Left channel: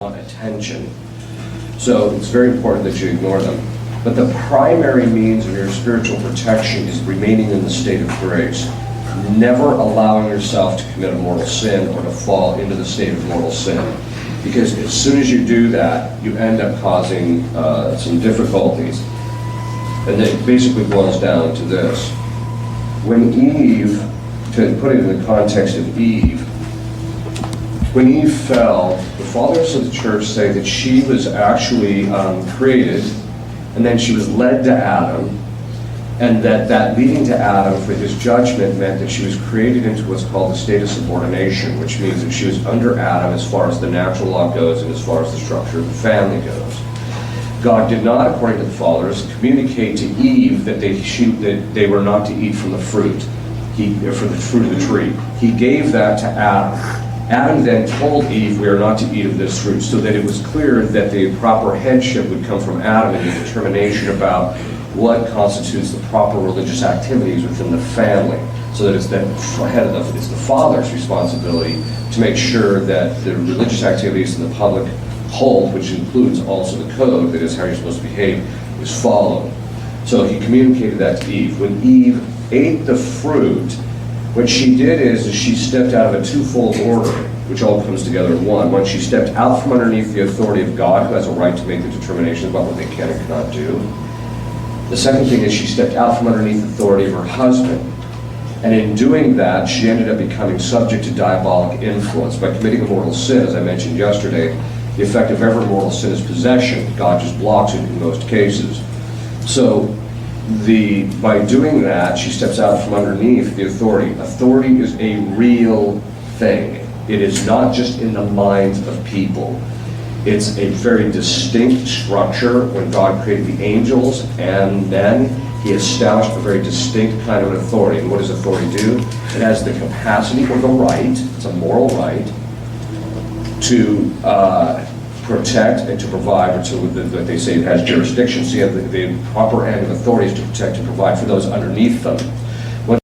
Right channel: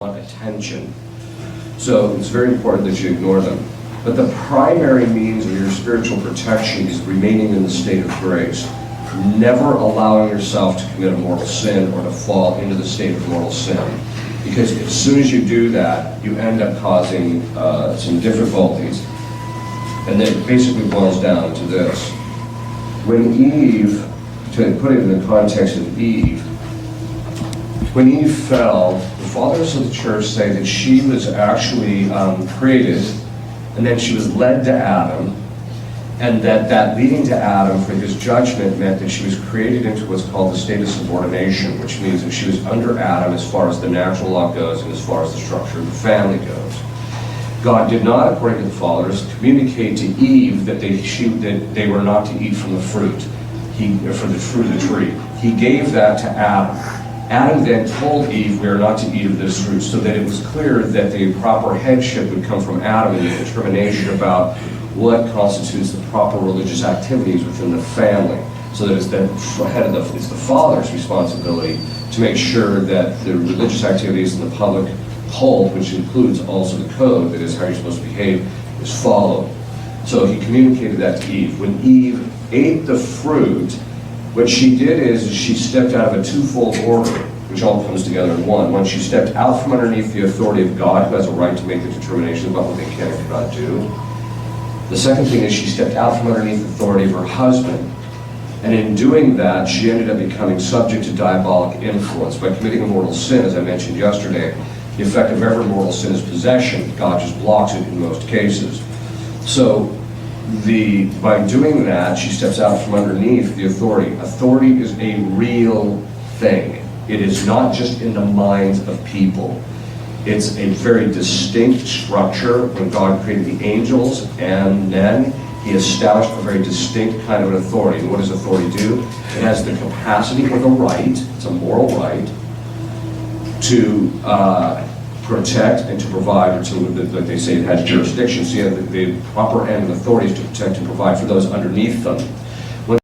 attention. So it's very important that you ignore them. But the primary means of your spiritual protection is remaining in the state of grace. Never allowing yourself to commit a mortal sin or to fall into the state of mortal sin. Because as soon as you do that, you end up causing some difficulties. And it basically boils down to this. When Eve, to put it in the context of Eve, when Eve fell, the fathers of the church say that she was actually created, and then she was led to Adam, and that leading to Adam for his judgment meant that she was created into what's called the state of subordination, which means that she was under Adam as far as the natural law goes and as far as the structure of the family goes. God did not, according to the fathers, communicate to Eve that they were not to eat from the fruit, for the fruit of the tree. He gave that to Adam. Adam then told Eve, we are not to eat of this fruit, so that it was clear that the proper headship would come from Adam in the determination about what constitutes the proper religious activities within the family. So that it's it's the father's responsibility to make sure that the religious activities in the public hold, which includes also the code, that is how you're supposed to behave, is followed. So he communicated that to Eve. When Eve ate the fruit, what she did is she stepped out of a twofold order, which all comes together in one. One, she stepped out from underneath the authority of God, who has a right to make the determination about what they can and cannot do. The second thing is she stepped out from underneath the authority of her husband. And in doing that, she ended up becoming subject to diabolic influence. By committing a mortal sin, as I mentioned yesterday, the effect of every mortal sin is possession. God just blocks it in most cases. So by doing that, she steps out from underneath the authority. Authority is a real thing. It is not just in the minds of people. It's a very distinct structure. When God created the angels and then he established a very distinct kind of an authority. And what does authority do? It has the capacity or the right, it's a moral right, to protect and to provide, or that they say it has jurisdiction. So you have the proper end of authorities to protect and provide for those underneath them.